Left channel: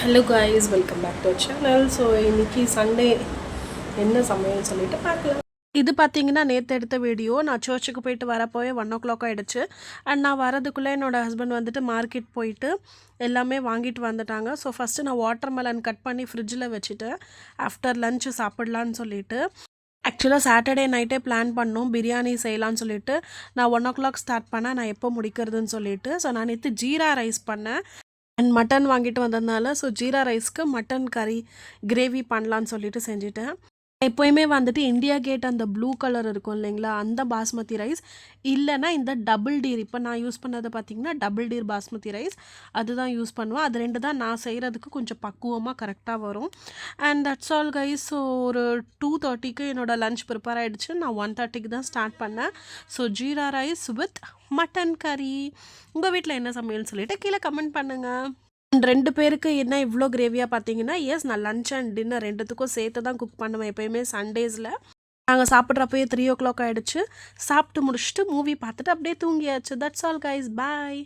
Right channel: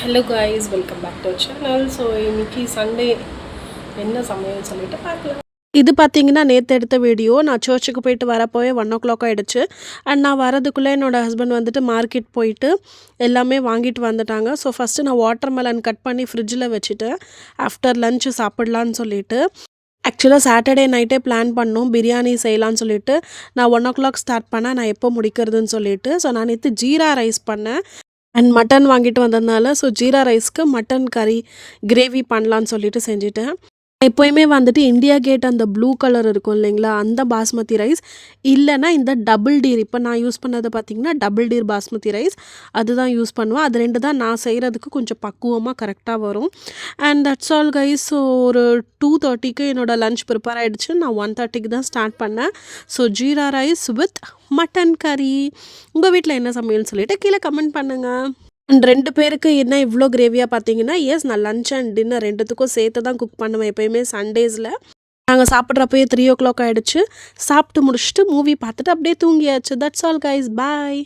Hello guys, welcome back to channel. So இன்றைக்கி Sunday என்ன சமையல்னு சொல்லிட்டு பார்க்கலாம். இது பார்த்தீங்கன்னா நேற்று எடுத்த வீடியோ. நான் சர்ச்சுக்கு போயிட்டு வரப்போவே 1 o'clock ஆகிடுச்சு. அண்ட் நான் வரதுக்குள்ளே என்னோடய ஹஸ்பண்ட் வந்துட்டு மார்க்கெட் போயிட்டு எல்லாமே வாங்கிட்டு வந்துட்டாங்க. ஸோ ஃபஸ்ட்டு நான் வாட்டர் மெலன் கட் பண்ணி ஃப்ரிட்ஜில் வச்சுட்டேன். ஆஃப்டர் லன்ச்சு சாப்பிட்லான்னு சொல்லிட்டு. ஆக்சுவலாக சாட்டர்டே நைட்டே பிளான் பண்ணோம் பிரியாணி செய்யலான்னு சொல்லிட்டு. நான் 1 o'clock ஸ்டார்ட் பண்ணேன், நான் எப்போ முடிக்கிறதுன்னு சொல்லிட்டு. ஸோ நான் நேற்று ஜீரா ரைஸ் பண்ணேன் அண்ட் மட்டன் வாங்கிட்டு வந்ததுனால ஸோ ஜீரா ரைஸ்க்கு மட்டன் கறி கிரேவி பண்ணலான்னு சொல்லிட்டு செஞ்சுட்டேன். எப்போயுமே வந்துட்டு இண்டியா கேட் அந்த ப்ளூ கலர் இருக்கும் இல்லைங்களா, அந்த பாஸ்மதி ரைஸ் இல்லைன்னா இந்த டபுள் டீர், இப்போ நான் யூஸ் பண்ணது பார்த்திங்கன்னா டபுள் டீர் பாஸ்மதி ரைஸ், அதுதான் யூஸ் பண்ணுவேன். அது 2 தான் நான் செய்கிறதுக்கு கொஞ்சம் பக்குவமாக கரெக்டாக வரும். And that's all guys. So ஒரு 2:30க்கு என்னோடய லன்ச் ப்ரிப்பேர் ஆகிடுச்சு. நான் 1:30க்கு தான் ஸ்டார்ட் பண்ணேன். So jeera rice with mutton கறி. உங்கள் வீட்டில் என்ன சமையல்னு சொல்லிவிட்டு கீழே கமெண்ட் பண்ணுங்கள். அண்ட் 2 பேருக்கு என்ன இவ்வளோ கிரேவியாக பார்த்தீங்கன்னா, நான் லன்ச் அண்ட் டின்னர் 2த்துக்கும் சேர்த்து தான் குக் பண்ணுவேன் எப்போயுமே சண்டேஸில். நாங்கள் சாப்பிட்றப்பயே 3 o'clock ஆகிடுச்சு. சாப்பிட்டு முடிச்சுட்டு மூவி பார்த்துட்டு அப்படியே தூங்கியாச்சு. That's all guys, bye.